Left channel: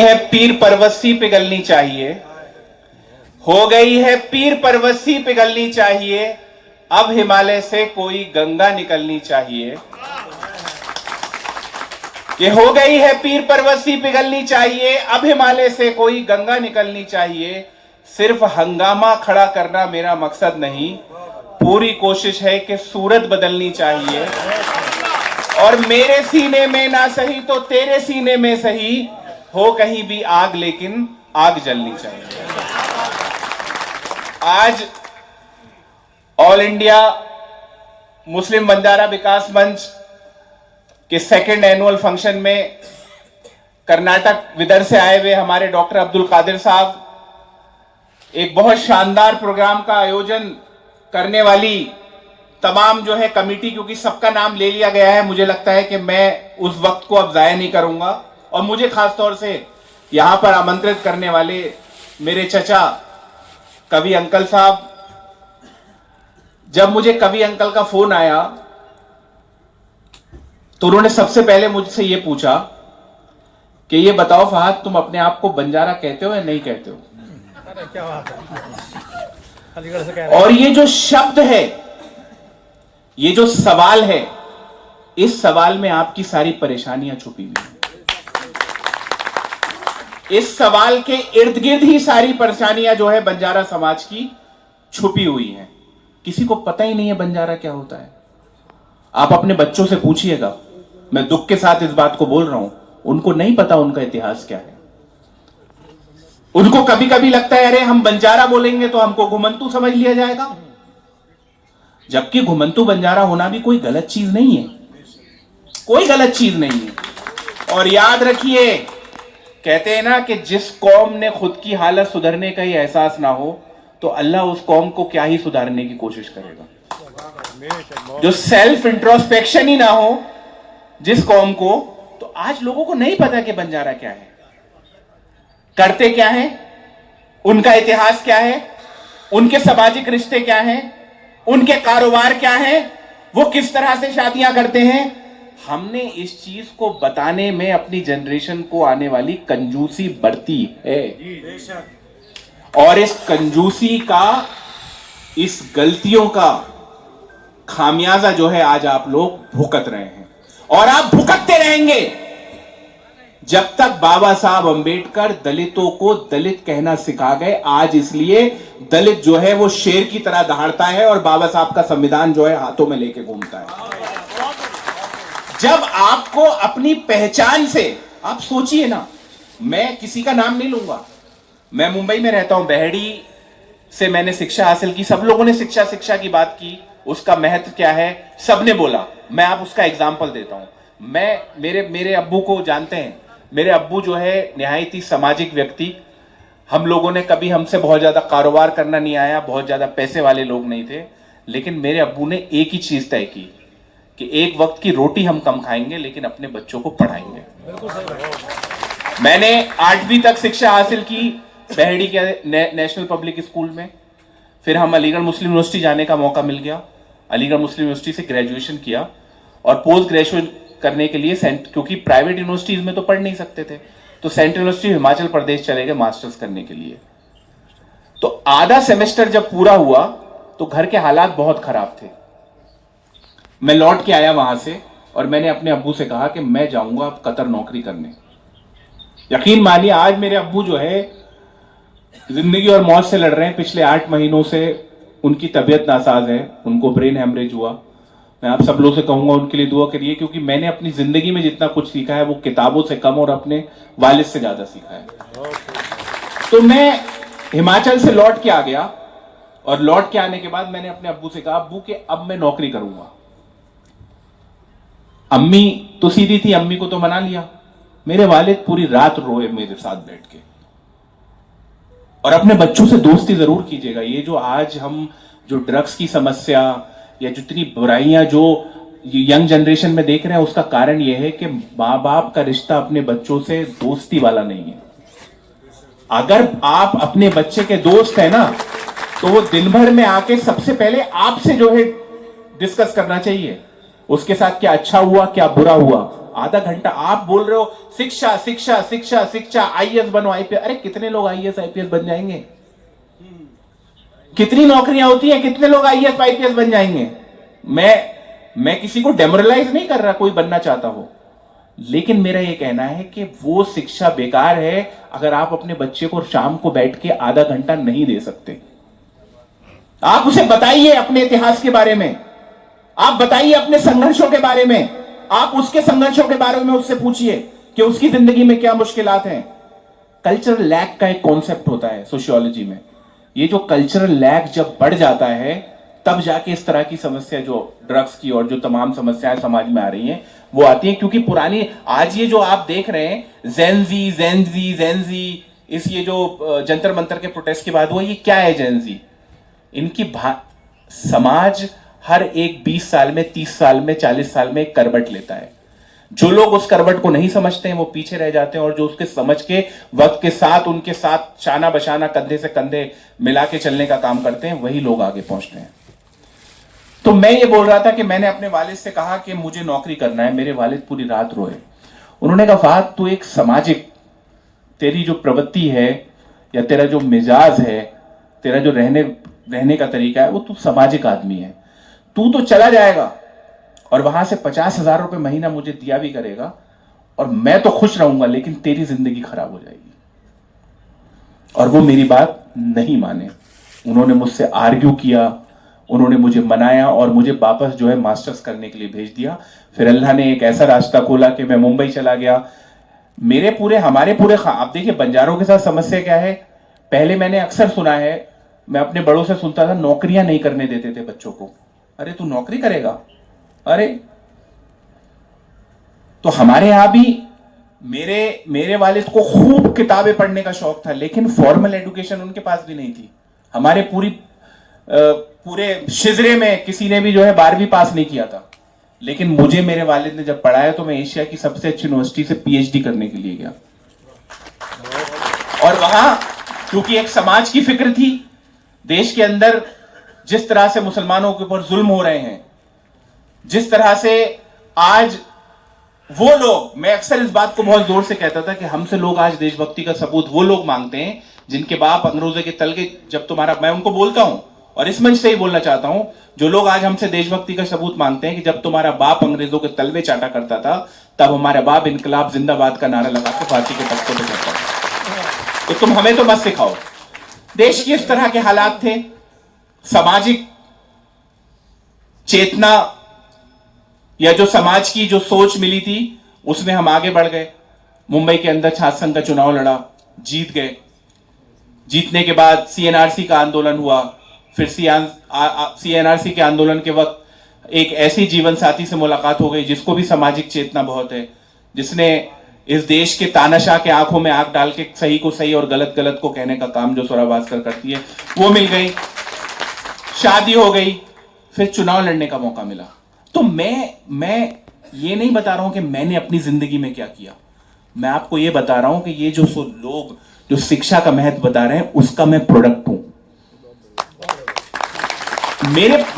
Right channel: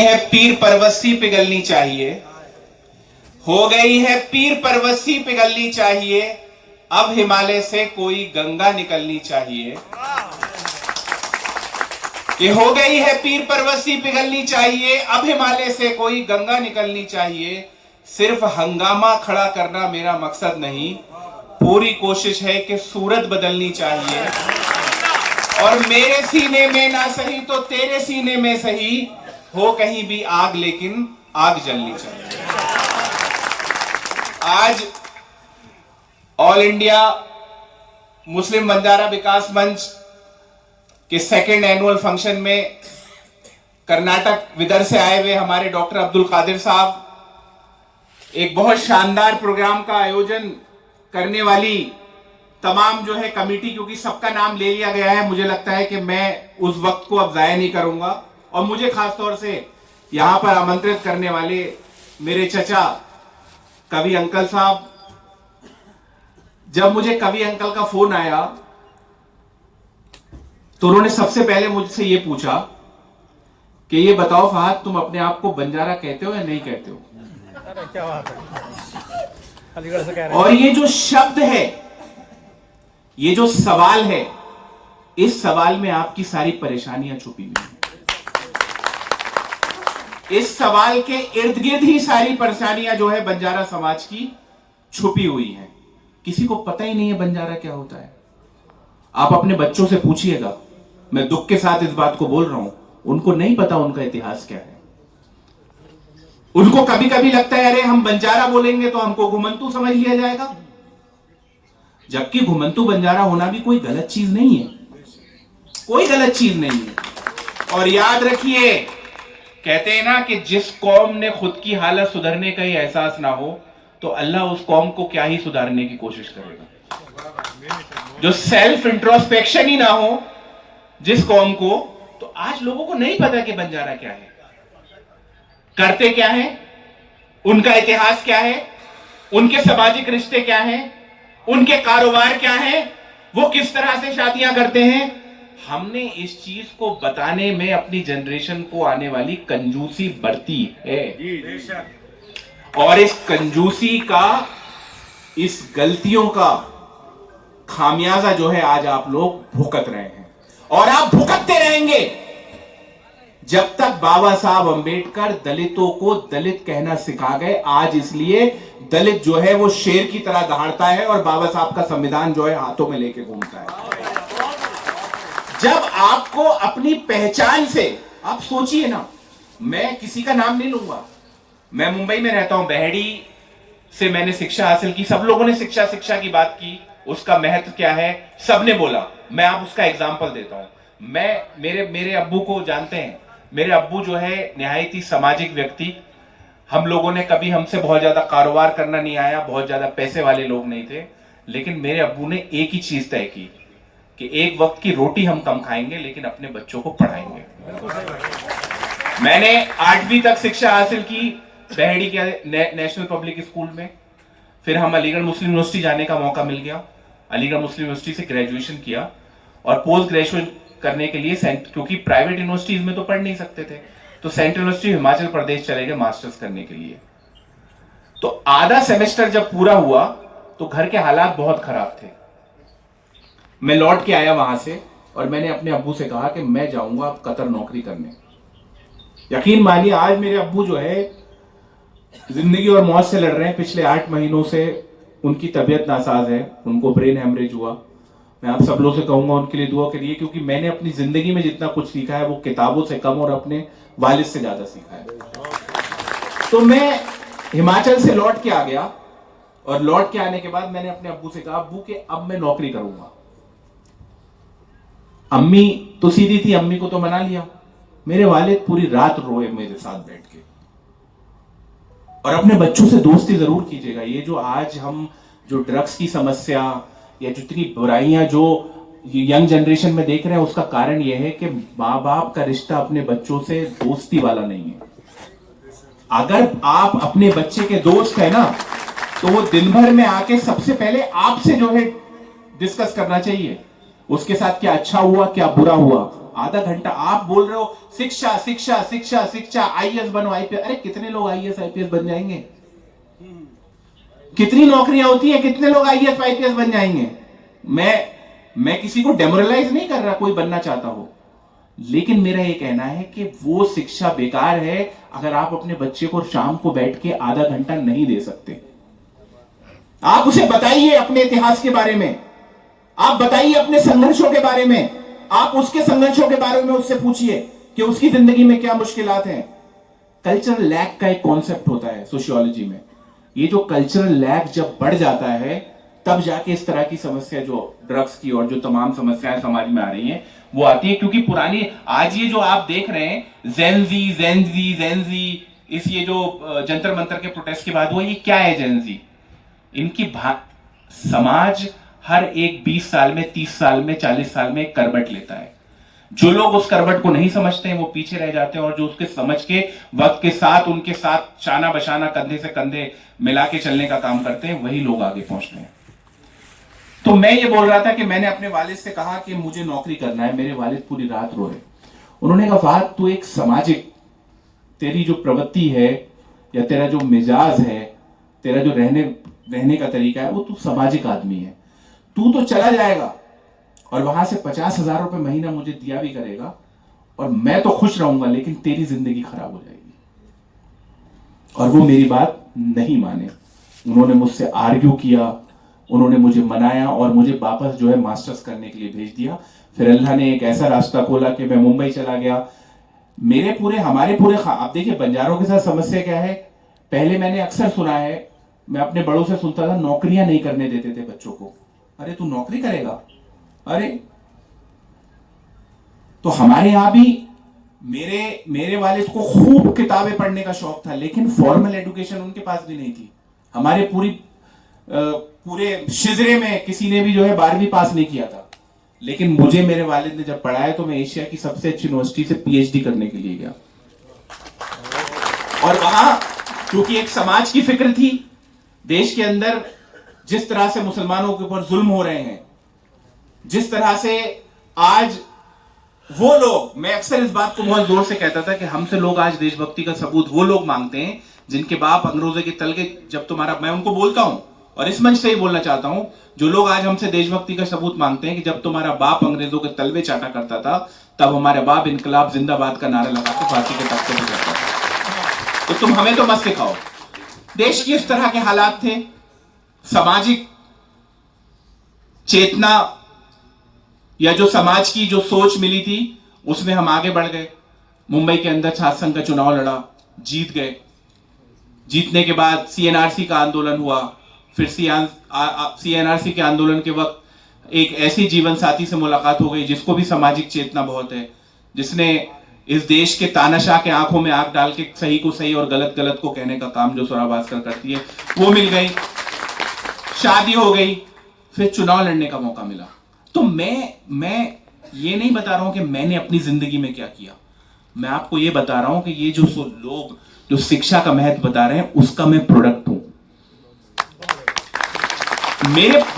है पीर परवस्सी पिघलनी चाहिए, हो गई है पीर परवस्सी पिघलनी चाहिए, अब हिमालय से कोई गंगा निकलनी चाहिए। ये हो गई है पीर परवस्सी पिघलनी चाहिए, अब हिमालय से कोई गंगा निकलनी चाहिए। सिर्फ हंगामा खड़ा करना मेरा मकसद नहीं, पूरी कोशिश है कि सूरत बदलनी चाहिए। और मेरे सीने में ना सही तो तेरे सीने में सही, हो कहीं भी आग लेकिन आग जलनी चाहिए। आज ऑल इंडिया मुस्लिम बंजारा विकास मंच के सेकंड एनुअल फंक्शन में कर्नाटक विदर्भ से आए हुए हमारे डॉक्टर अब्दुल कादिर साहब एक बहुत शानदार प्रोग्राम का आयोजन करने वाली तमाम जो है कमेटी, क्योंकि सबका नाम ले लिया गया है, मुझे लगता है कि मैं उस वक्त को अब जाया नहीं करूंगा। और मुझे खासतौर से यहां पर आमंत्रित करने वाले मेरे चचा कवि अंकल साहब, जब मुझे कवि अंकल का फोन आया तो उन्होंने सबसे पहले मुझसे यह पूछा कि ये बताओ फहद, तुम अपने आप को बंजारा कहते हो या नहीं कहते हो? अरे क्या बात है, अलीगढ़ से कह रहे हैं। और ये जो शब्द है, ये जो सवाल है, इस सवाल में आपकी सारी परेशानियां छुपी हुई हैं। इस सवाल के इर्द गिर्द ही सारी परेशानियां जो है बंजारा समाज की छुपी हुई हैं। किसी को पता ही नहीं है बंजारा क्या होता है। आप अपने बच्चों से पूछिएगा, मैं दुख के साथ इस बात को बोल रहा हूं, उनको नहीं पता उनका इतिहास क्या है। उनको कभी कभी लगता है अरे हम बंजारा बोलेंगे तो हमको घुमंतू समझ लिया जाएगा, जबकि घुमंतू बंजारा होना भी कोई गलत चीज नहीं है, कोई गलत चीज नहीं है। और याद रखिए, कहते हैं ना कि जिस कौम ने खुद की हालत सुधरने का ही एहसास ना हो तो अल्लाह उस कौम को क्या ही सुधारने की कोशिश करेगा। जो सेल्फ इंट्रोस्पेक्शन ही ना हो जिस कौम को, तो आज लोगों को नहीं पता कि बंजारा क्या है, करते क्या है, उनका इतिहास क्या है, उनके सामाजिक रिश्ते क्या हैं, उनके कारोबार क्या है, वो किस तरह से शादियां करते हैं। हमने इस चीज को बताने में अपनी जनरेशन को आने वाली कंजूसी बरती है, और इस कंजूसी का, इस गलतियों का खामियाजा जो है आज आप लोग भुगत रहे हैं, और आप भुगतते रहेंगे जब तक बाबा साहब अंबेडकर दलितों को दलित कहना सिखा गए। आज इसलिए दलित जो है वो शेर की तरह दहाड़ता है और बाबा साहब का संविधान जो है हाथों में लेके घूमता है। जब आपको अपनी पहचान से, आप सोचिए ना, मैं किसी का नाम नहीं लूंगा, मैं मुंबई में रहता हूं, बेहड़ी से मैंने शिक्षा हासिल की, सब लोगों ने शिक्षा की बात की, उसका महत्व क्या है सबने बोला। मैं आप उसका एग्जाम्पल देता हूं। मैं मेरे अब्बू को जानते हैं, मेरे अब्बू जो है निहायत ही सामाजिक व्यक्ति, हम लोगों ने कभी, हमसे बहुत ज्यादा कारोबार करना नहीं आया, बहुत ज्यादा पैसे वाले लोग नहीं थे, लेकिन मेरे अब्बू ने एक ही चीज तय की कि एक वक्त की रोटी हम कम खाएंगे लेकिन अपने बच्चों को पढ़ाएंगे। मैंने 8वीं तक शिक्षा हासिल की बेहड़ी के नेशनल पब्लिक स्कूल में, फिर हम अलीगढ़ मुस्लिम यूनिवर्सिटी जाने का मौका मिल गया, अलीगढ़ मुस्लिम यूनिवर्सिटी से ग्रेजुएशन किया, और पोस्ट ग्रेजुएशन करने के लिए क्योंकि प्राइवेट यूनिवर्सिटीज में तो पढ़ नहीं सकते थे, तो सेंट्रल यूनिवर्सिटी हिमाचल प्रदेश चले गए मास्टर्स करने के लिए। तो आधा सेमेस्टर जब पूरा हुआ तो घर के हालात बहुत खराब थे। मैं लौट के आया वहां से और मैंने अपने अब्बू से कहा कि मैं जाऊंगा अब कतर नौकरी करने। यकीन मानिए, आज मेरे अब्बू जो है जिंदगी और मौत से लड़ रहे हैं। पिछले 8 महीनों से उनकी तबीयत नासाज है, उनको ब्रेन हेमरेज हुआ। मैं आप सब लोगों से कहूंगा उनके लिए दुआ करिए, क्योंकि मैंने अपनी जिंदगी में जितना कुछ सीखा है वो किताबों से कम और अपने वालिद से ज्यादा सीखा है। तो मैं हिमाचल से लौट के आ गया, और लौट के आने के बाद मैंने अपने अब्बू से कहा, अब्बू के अब मैं नौकरी करूंगा। अम्मी तो सीधी थी, अम्मी को तो मना लिया। मेरे वालिद पूरी रात रोए मेरे साथ बैठ के। और अपने बच्चों से दोस्ती जरूर कीजिएगा। ये जो आज हम जो ड्रग्स की समस्या या जितनी बुराइयां जो यंग जनरेशन में देख रहे हैं, उसका कारण यह है कि माँ बाप का रिश्ता अपने बच्चों से दोस्ती वाला नहीं है। अगर आप अपने बच्चे के दोस्त है ना, तो वो दिन भर में आके सबसे पहले आपसे जो है डिस्कस करना चाहिए, उसके साथ क्या अच्छा हुआ क्या बुरा हुआ, आधा घंटा आप बोल रहे हो शिक्षा शिक्षा शिक्षा शिक्षा, आईएएस बनो आईपीएस। अरे कितने लोग आईएएस आईपीएस बन जाएंगे? कितनी नौकरियां होती हैं, कितने लोग आईएएस आईपीएस बन जाएंगे? मैं किसी को डेमोरलाइज नहीं कर रहा, कोई बनना चाहता हो, लेकिन मेरा यह कहना है कि वो शिक्षा बेकार है अगर आप अपने बच्चे को शाम को बैठ के आधा घंटा नहीं दे सकते। आप उसे बताइए अपने इतिहास के बारे में, आप बताइए अपने संघर्षों के बारे में, आप उसके संघर्षों के बारे में उससे पूछिए कि उसकी जिंदगी में क्या मुश्किलात हैं। कल्चरल लैग का एक कॉन्सेप्ट होता है सोशियोलॉजी में। ये जो कल्चरल लैग जब बढ़ जाता है तब जाके इस तरह की समस्या, जो ड्रग्स की और जो तमाम समस्याएं समाज में आ रही हैं, वो आती है। क्योंकि पुरानी, आज ये जो आप देख रहे हैं जेनजी, इस ये जो जंतर मंतर के प्रोटेस्ट के बाद, वो ये क्या है जेनजी? इनकी समाज हर एक 20 साल में, 30 साल में, 40 साल में एक करवट लेता है। जो लोग उस करवट को नहीं समझते हैं वो पीछे रह जाते हैं, और जो उसके समझ के वक्त के साथ उनके साथ शाना बशाना कंधे से कंधे मिला के चलने का काम करते हैं, वही लोग आगे पहुंचते हैं। तो मैं ये बोल रहा था कि मैंने अपने वालिद से कहा कि मुझे नौकरी करना है। मेरे वालिद पूरी रात रोए। उन्होंने कहा फाहद, तू एक सामाजिक, तेरी जो प्रवृत्ति है या तेरा जो मिजाज है, तेरा जो रहने का तरीका है, वो तू सामाजिक आदमी है। तू तो चला जाएगा और वहां से 50,000 रुपए महीना मुझे दिया भी करेगा और मैं तो खुश रहूंगा, लेकिन तेरी जिंदगी खराब हो जाएगी। और वो मेरी बात नहीं माने। उन्होंने मुझसे आर्ग्यू किया, उन्होंने मुझे मनाया और मुझे वापस जो है मास्टर्स करने के लिए भेज दिया। फिर अल्लाह ने एक ऐसा रास्ता खोला कि मैं मुंबई चला गया। हमारे पूरे आप देखिए बंजारों के साथ समस्या क्या है। पहले मैंने अक्सर सुना है, मैं अपने बड़ों से सुनता था, नौकरियां नहीं करने देते थे बच्चों को। अरे तू नौकरी करेगा? अरे तो हमारे यहां भी मेरे वालिद को खूब किताबें पढ़ने का शौक था, लेकिन फॉर्मल एजुकेशन उनके पास भी नहीं थी। हमारे पूरे शिजरे में किसी ने भी जो है 12वीं पास नहीं किया था, लेकिन मुझे मेरे वालिद ने जब पढ़ाया तो मैं एशिया की सबसे अच्छी यूनिवर्सिटी से पीएचडी करने के लिए गया। और वहां क्योंकि एक समाज की फिक्र थी, देश के अंदर जिस तरह से मुसलमानों के ऊपर जुल्म हो रहे हैं, जिस तरह से आज वो लोग, मैं अक्सर इस बात को बहुत जोर से कहता था कि हमसे लोग आज देशभक्ति का सबूत वो लोग मांगते हैं जिनके बाप अंग्रेजों के तलके, जब तुम्हारा, मैं उनको बोलता हूं और इस मंच से ही बोलना चाहता हूं, जो लोग आज हमसे देशभक्ति का सबूत मांगते हैं कि जब तुम्हारा बाप अंग्रेजों के तलवे चाटा करता था तब हमारा बाप इनकलाब जिंदाबाद का नारा लगा के फांसी के तख्ते पर चढ़ता था। तो तुम हमें तो मत सिखाओ। देश की इस तरह के हालात थे, सामाजिक चेतना या जो समाज की जो सोच मिली थी उसमें हम आगे बढ़ गए। मुंबई के अंदर छात्र संघ का चुनाव लड़ा, जीत गए। जीतने के बाद सीएनआरसी का आंदोलन हुआ। फिर सीएनआरसी के आंदोलन के वक्त एक ऐसी जीवन साथी से मुलाकात हो गई जिसको भी सामाजिक चेतना बहुत है, जिसने इस देश के तानाशाह के आंखों में आंख डाल के सही को सही और गलत गलत को कहने का काम जो सोरा भास्कर करती है, वो मिल गई। शादी हो गई, फिर चुनाव लड़ने का मौका मिला। तो मैं ये नहीं बता रहा हूं कि मैंने अपनी जिंदगी में क्या किया, मैं आपको ये बता रहा हूं कि ये जो लोग जो शिक्षा का महत्व बता रहे हैं उसका मैं प्रोडक्ट हूं।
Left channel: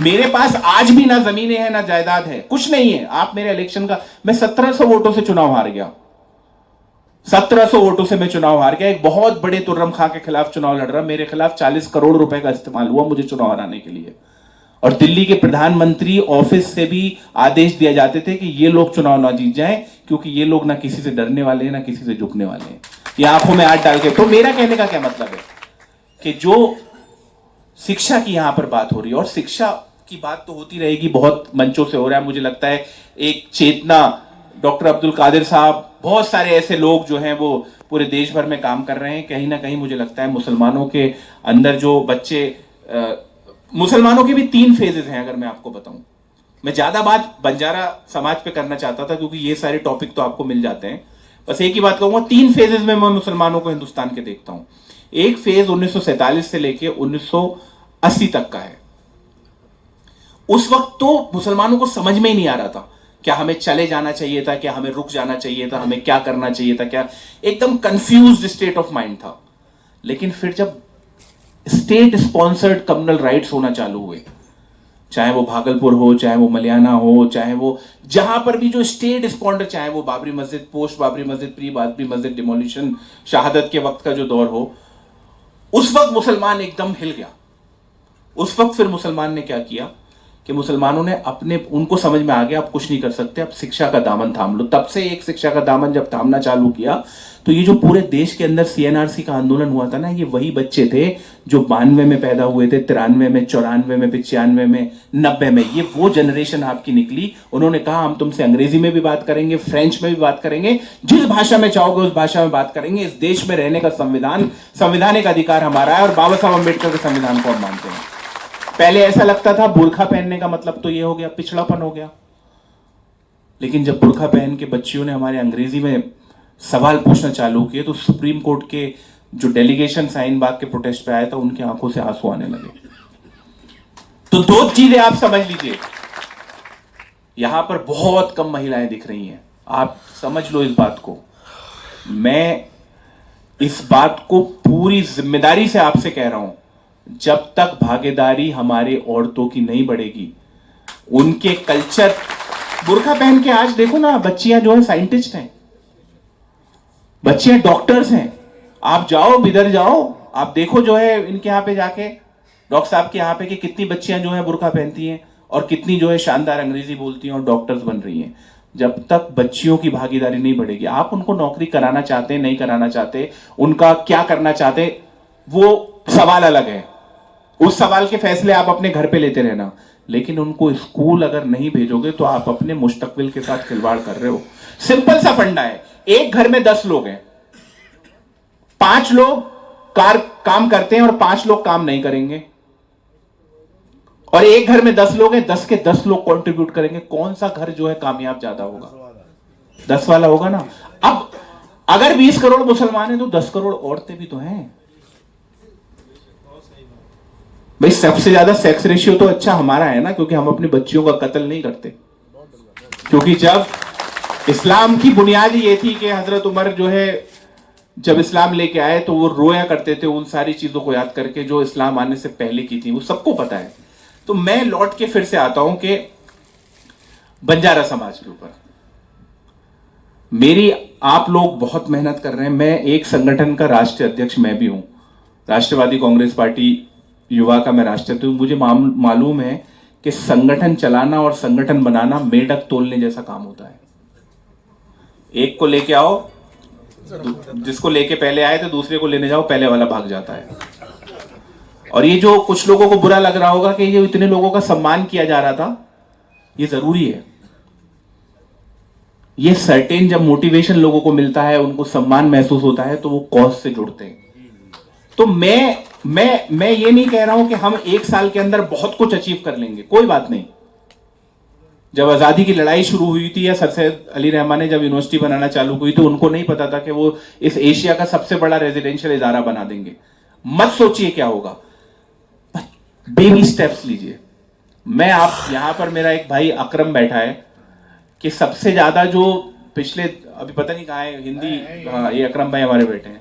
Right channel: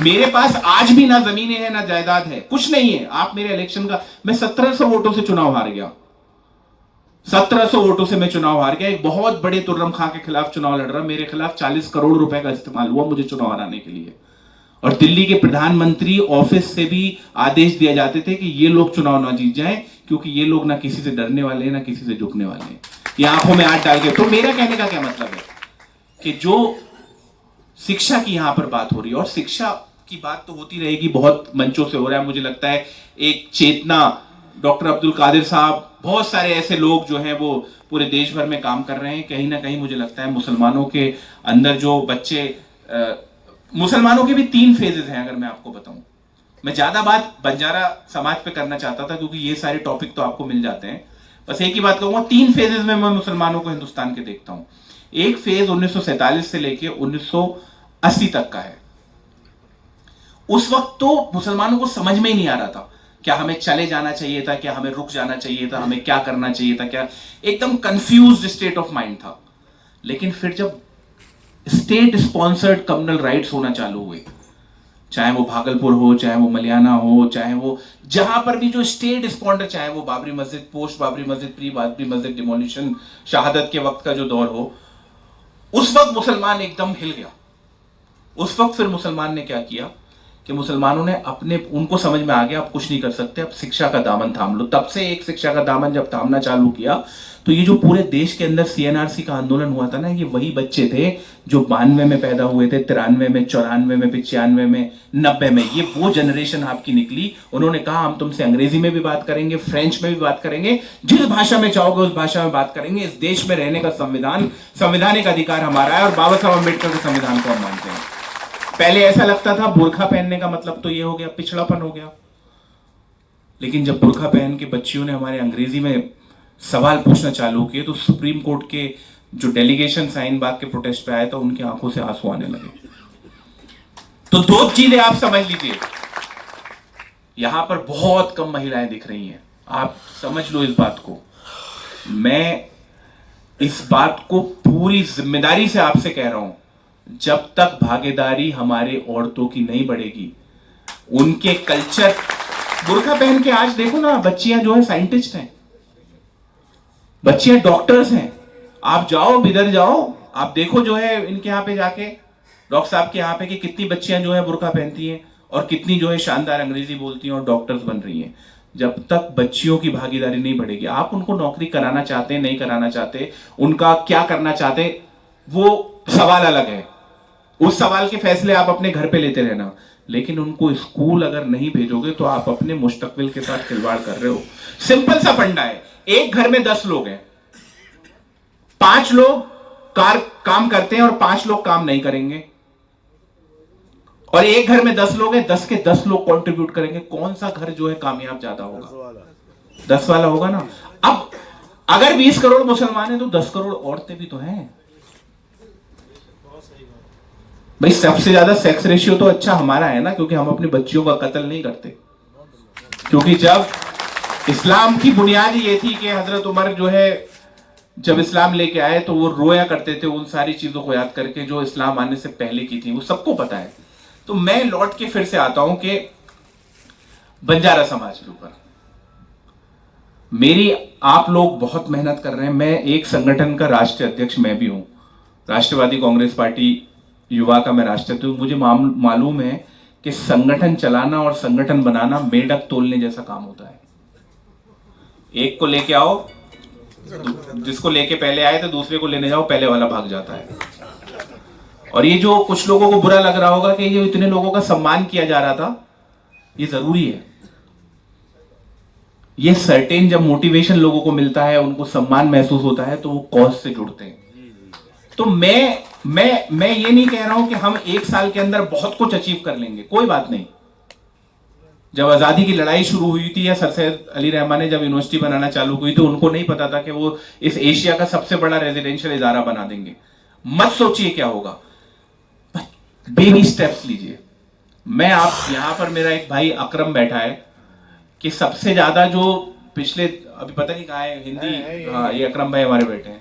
मेरे पास आज भी ना जमीनें हैं ना जायदाद है, कुछ नहीं है। आप मेरे इलेक्शन का, मैं 1700 वोटों से चुनाव हार गया। 1700 वोटों से मैं चुनाव हार गया। एक बहुत बड़े तुर्रम खां के खिलाफ चुनाव लड़ रहा, मेरे खिलाफ 40 करोड़ रुपए का इस्तेमाल हुआ मुझे चुनाव हराने के लिए। और दिल्ली के प्रधानमंत्री ऑफिस से भी आदेश दिए जाते थे कि ये लोग चुनाव ना जीत जाएं, क्योंकि ये लोग ना किसी से डरने वाले हैं ना किसी से झुकने वाले हैं, ये आंखों में हाथ डाल के। तो मेरा कहने का क्या मतलब है कि जो शिक्षा की यहां पर बात हो रही है, और शिक्षा की बात तो होती रहेगी, बहुत मंचों से हो रहा है। मुझे लगता है एक चेतना, डॉक्टर अब्दुल कादिर साहब, बहुत सारे ऐसे लोग जो हैं वो पूरे देश भर में काम कर रहे हैं। कहीं ना कहीं मुझे लगता है मुसलमानों के अंदर जो बच्चे, मुसलमानों के भी 3 फेजेस हैं अगर मैं आपको बताऊं। मैं ज्यादा बात बंजारा समाज पे करना चाहता था क्योंकि ये सारे टॉपिक तो आपको मिल जाते हैं। बस एक ही बात कहूंगा, 3 फेजेस में मैं मुसलमानों को हिंदुस्तान के देखता हूं। एक फेज 1947 से लेके 1980 तक का है। उस वक्त तो मुसलमानों को समझ में ही नहीं आ रहा था, क्या हमें चले जाना चाहिए था, क्या हमें रुक जाना चाहिए था, हमें क्या करना चाहिए था, क्या, एकदम कंफ्यूज्ड स्टेट ऑफ माइंड था। लेकिन फिर जब स्टेट स्पॉन्सर्ड कम्युनल राइट्स होना चालू हुए, चाहे वो भागलपुर हो, चाहे वो मलियाना हो, चाहे वो जहां पर भी जो स्टेट स्पॉन्डर, चाहे वो बाबरी मस्जिद, पोस्ट बाबरी मस्जिद, प्री बाबरी मस्जिद डिमोलिशन, शहादत के वक्त का जो दौर हो, उस वक्त मुसलमान एकदम हिल गया। उस वक्त फिर मुसलमान ने क्या किया कि मुसलमानों ने अपने, उनको समझ में आ गया अब कुछ नहीं कर सकते, अब शिक्षा का दामन थाम लो। तब से एक शिक्षा का दामन जब थामना चालू किया तो ये जो पूरे देश के अंदर सीएनआरसी का आंदोलन हुआ था ना, ये वही बच्चे थे जो 92 में पैदा हुए थे, 93 में, 94 में, 95 में, 90 में। ये वो जनरेशन आपकी निकली। उन्होंने कहा हम तुमसे अंग्रेजी में भी बात करेंगे, फ्रेंच में भी बात करेंगे, जिस भाषा में चाहोगे उस भाषा में बात करेंगे। इस देश में रहने का संवैधानिक अधिकार हमारा है और बाबा साहब अम्बेडकर के संविधान को हम मानते हैं। पहले ऐसा लगता था बुर्खा पहनने का मतलब तो ये हो गया, पिछड़ापन हो गया। लेकिन जब बुर्खा पहन के बच्चियों ने हमारे अंग्रेजी में सवाल पूछना चालू किए तो सुप्रीम कोर्ट के जो डेलीगेशन शाहीन बाग के प्रोटेस्ट पे आया था, उनकी आंखों से आंसू आने लगे। तो दो चीजें आप समझ लीजिए, यहां पर बहुत कम महिलाएं दिख रही हैं, आप समझ लो इस बात को। मैं इस बात को पूरी जिम्मेदारी से आपसे कह रहा हूं, जब तक भागीदारी हमारे औरतों की नहीं बढ़ेगी, उनके कल्चर, बुर्का पहन के आज देखो ना, बच्चियां जो है साइंटिस्ट हैं, बच्चियां डॉक्टर्स हैं। आप जाओ, बिदर जाओ, आप देखो जो है इनके यहां पे जाके, डॉक्टर साहब के यहां पे, कि कितनी बच्चियां जो है बुर्का पहनती हैं और कितनी जो है शानदार अंग्रेजी बोलती हैं और डॉक्टर्स बन रही हैं। जब तक बच्चियों की भागीदारी नहीं बढ़ेगी, आप उनको नौकरी कराना चाहते, नहीं कराना चाहते, उनका क्या करना चाहते, वो सवाल अलग है। उस सवाल के फैसले आप अपने घर पे लेते रहना, लेकिन उनको स्कूल अगर नहीं भेजोगे तो आप अपने मुस्तकबिल के साथ खिलवाड़ कर रहे हो। सिंपल सा फंडा है, एक घर में 10 लोग हैं, 5 लोग काम करते हैं और 5 लोग काम नहीं करेंगे, और एक घर में 10 लोग हैं, 10 के 10 लोग कंट्रीब्यूट करेंगे। कौन सा घर जो है कामयाब ज्यादा होगा? 10 वाला होगा ना। अब अगर 20 करोड़ मुसलमान हैं तो 10 करोड़ औरतें भी तो हैं भाई। सबसे ज्यादा सेक्स रेशियो तो अच्छा हमारा है ना, क्योंकि हम अपनी बच्चियों का कत्ल नहीं करते। क्योंकि जब इस्लाम की बुनियाद ये थी कि हजरत उमर जो है जब इस्लाम लेके आए तो वो रोया करते थे उन सारी चीजों को याद करके जो इस्लाम आने से पहले की थी, वो सबको पता है। तो मैं लौट के फिर से आता हूं कि बंजारा समाज के ऊपर मेरी, आप लोग बहुत मेहनत कर रहे हैं। मैं एक संगठन का राष्ट्रीय अध्यक्ष मैं भी हूं, राष्ट्रवादी कांग्रेस पार्टी युवा का मैं राष्ट्रीय हूं। मुझे मालूम है कि संगठन चलाना और संगठन बनाना मेढक तोलने जैसा काम होता है। एक को लेके आओ, जिसको लेके पहले आए तो दूसरे को लेने जाओ, पहले वाला भाग जाता है। और ये जो कुछ लोगों को बुरा लग रहा होगा कि ये इतने लोगों का सम्मान किया जा रहा था, ये जरूरी है। ये सर्टेन जब मोटिवेशन लोगों को मिलता है, उनको सम्मान महसूस होता है, तो वो कॉज से जुड़ते हैं। तो मैं ये नहीं कह रहा हूं कि हम 1 साल के अंदर बहुत कुछ अचीव कर लेंगे, कोई बात नहीं। जब आजादी की लड़ाई शुरू हुई थी या सर सैयद अली रहमान ने जब यूनिवर्सिटी बनाना चालू हुई तो उनको नहीं पता था कि वो इस एशिया का सबसे बड़ा रेजिडेंशियल इदारा बना देंगे। मत सोचिए क्या होगा, बेबी स्टेप्स लीजिए। मैं आप यहां पर, मेरा एक भाई अकरम बैठा है कि सबसे ज्यादा जो पिछले, अभी पता नहीं कहाँ है, हिंदी, हाँ ये अकरम भाई हमारे बैठे हैं।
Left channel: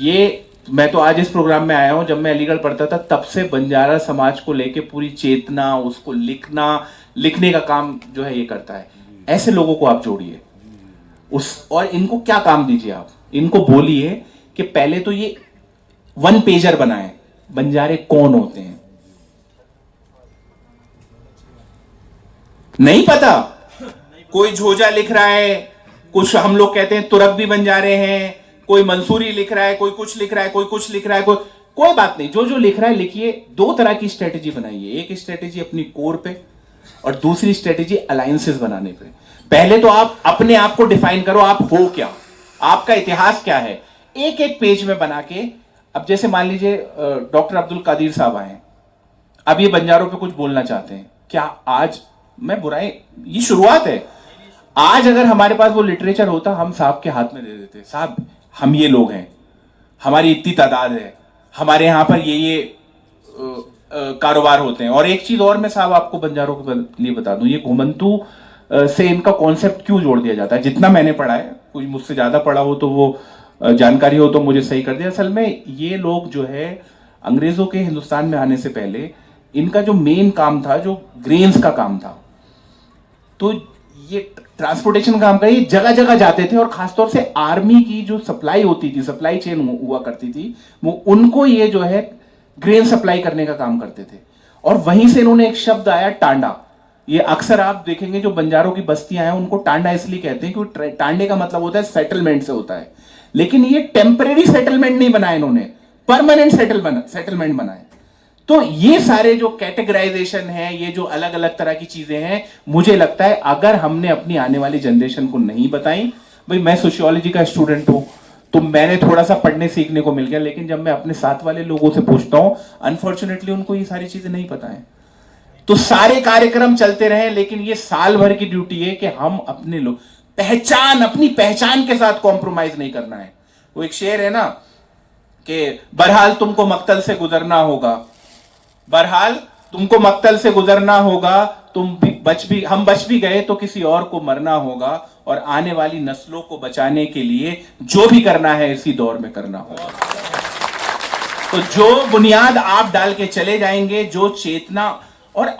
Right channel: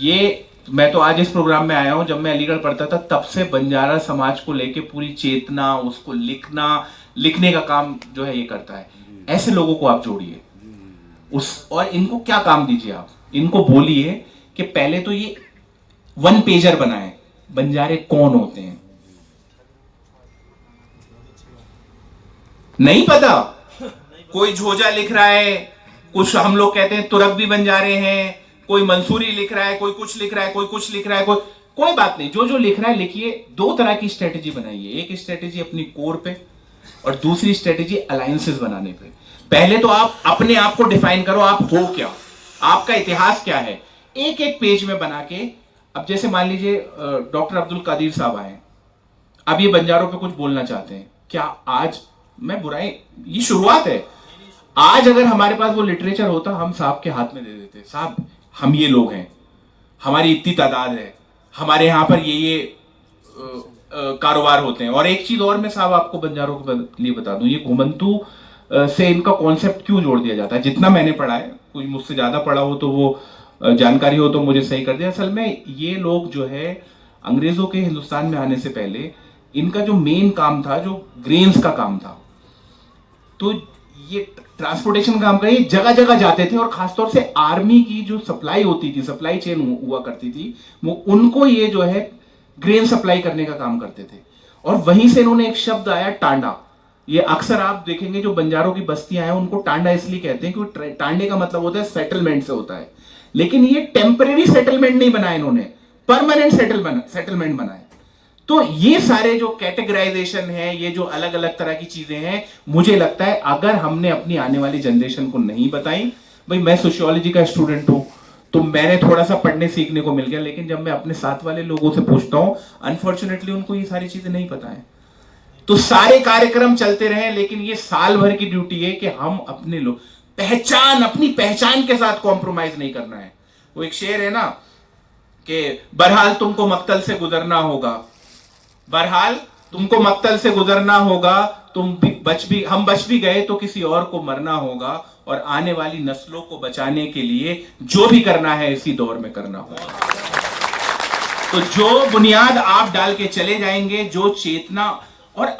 ये मैं तो आज इस प्रोग्राम में आया हूं, जब मैं अलीगढ़ पढ़ता था तब से बंजारा समाज को लेके पूरी चेतना, उसको लिखने का काम जो है ये करता है। ऐसे लोगों को आप जोड़िए और इनको क्या काम दीजिए, आप इनको बोलिए कि पहले तो ये 1 पेजर बनाए, बंजारे कौन होते हैं। नहीं पता, कोई झोजा लिख रहा है, कुछ हम लोग कहते हैं तुरक भी बंजारे हैं, कोई मंसूरी लिख रहा है, कोई कुछ लिख रहा है, कोई कुछ लिख रहा है, कोई बात नहीं, जो लिख रहा है लिखिए। 2 तरह की स्ट्रेटेजी बनाइए, एक स्ट्रेटेजी अपनी कोर पे और दूसरी स्ट्रेटेजी अलायंसेस बनाने पे। पहले तो आप अपने आप को डिफाइन करो, आप हो क्या, आपका इतिहास क्या है, एक एक पेज में बना के। अब जैसे मान लीजिए डॉक्टर अब्दुल कादिर साहब आए, अब ये बंजारों पे कुछ बोलना चाहते हैं, क्या आज मैं बुराई, ये शुरुआत है, आज अगर हमारे पास वो लिटरेचर होता हम साहब के हाथ में दे देते, साहब हम ये लोग हैं, हमारी इतनी तादाद है, हमारे यहां पर ये कारोबार होते हैं। और एक चीज और मैं साहब आपको बंजारों के लिए बता दूं, ये घुमंतू से इनका कॉन्सेप्ट क्यों जोड़ दिया जाता है, जितना मैंने पढ़ा है, कोई मुझसे ज्यादा पढ़ा हो तो वो जानकारी हो तो मुझे सही कर दिया। असल में ये लोग जो है अंग्रेजों के हिंदुस्तान में आने से पहले इनका जो मेन काम था, जो ग्रेन्स का काम था, तो ये ट्रांसपोर्टेशन काम का ये जगह जगह जाते थे, और खासतौर से आर्मी की जो सप्लाई होती थी, सप्लाई चेन हुआ करती थी, वो उनको ये जो है ग्रेन सप्लाई करने का काम करते थे। और वहीं से इन्होंने एक शब्द आया, टांडा। ये अक्सर आप देखेंगे जो बंजारों की बस्तियां हैं उनको टांडा इसलिए कहते हैं क्योंकि टांडे का मतलब होता है सेटलमेंट से होता है, लेकिन ये टेम्परेरी सेटलमेंट नहीं बनाए इन्होंने, परमानेंट सेटलमेंट बनाए। तो ये सारे जो कैटेगराइजेशन है, ये जो अलग अलग तरह की चीजें हैं, मुझे लगता है अगर हमने अपनी आने वाली जनरेशन को नहीं बताई, भाई मैं सोशियोलॉजी का स्टूडेंट हूं तो मैंने थोड़ा सा पढ़ने सीखने को मिल गया, लेकिन जब मैं अपने साथ वाले लोगों से पूछता हूं, अनफॉर्चुनेटली उनको ये सारी चीजें नहीं पता है। तो सारे कार्यक्रम चलते रहे, लेकिन ये साल भर की ड्यूटी है कि हम अपने लोग अपनी पहचान के साथ कॉम्प्रोमाइज नहीं करना है। वो एक शेर है ना कि बहरहाल तुमको मक्तल से गुजरना होगा, बहरहाल तुमको मक्तल से गुजरना होगा, हम बच भी गए तो किसी और को मरना होगा, और आने वाली नस्लों को बचाने के लिए जो भी करना है इसी दौर में करना होगा। तो जो बुनियाद आप डाल के चले जाएंगे, जो चेतना, और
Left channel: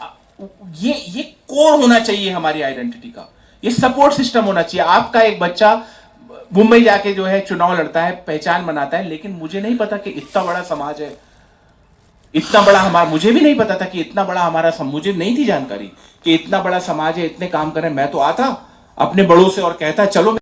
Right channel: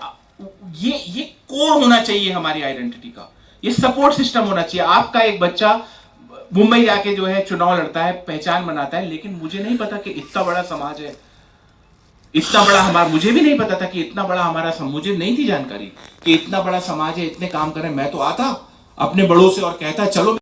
ये कोर होना चाहिए हमारी आइडेंटिटी का, ये सपोर्ट सिस्टम होना चाहिए। आपका एक बच्चा मुंबई जाके जो है चुनाव लड़ता है, पहचान बनाता है, लेकिन मुझे नहीं पता कि इतना बड़ा समाज है, इतना बड़ा हमारा, मुझे भी नहीं पता था कि इतना बड़ा हमारा मुझे नहीं थी जानकारी कि इतना बड़ा समाज है, इतने काम करें। मैं तो आता अपने बड़ों से और कहता चलो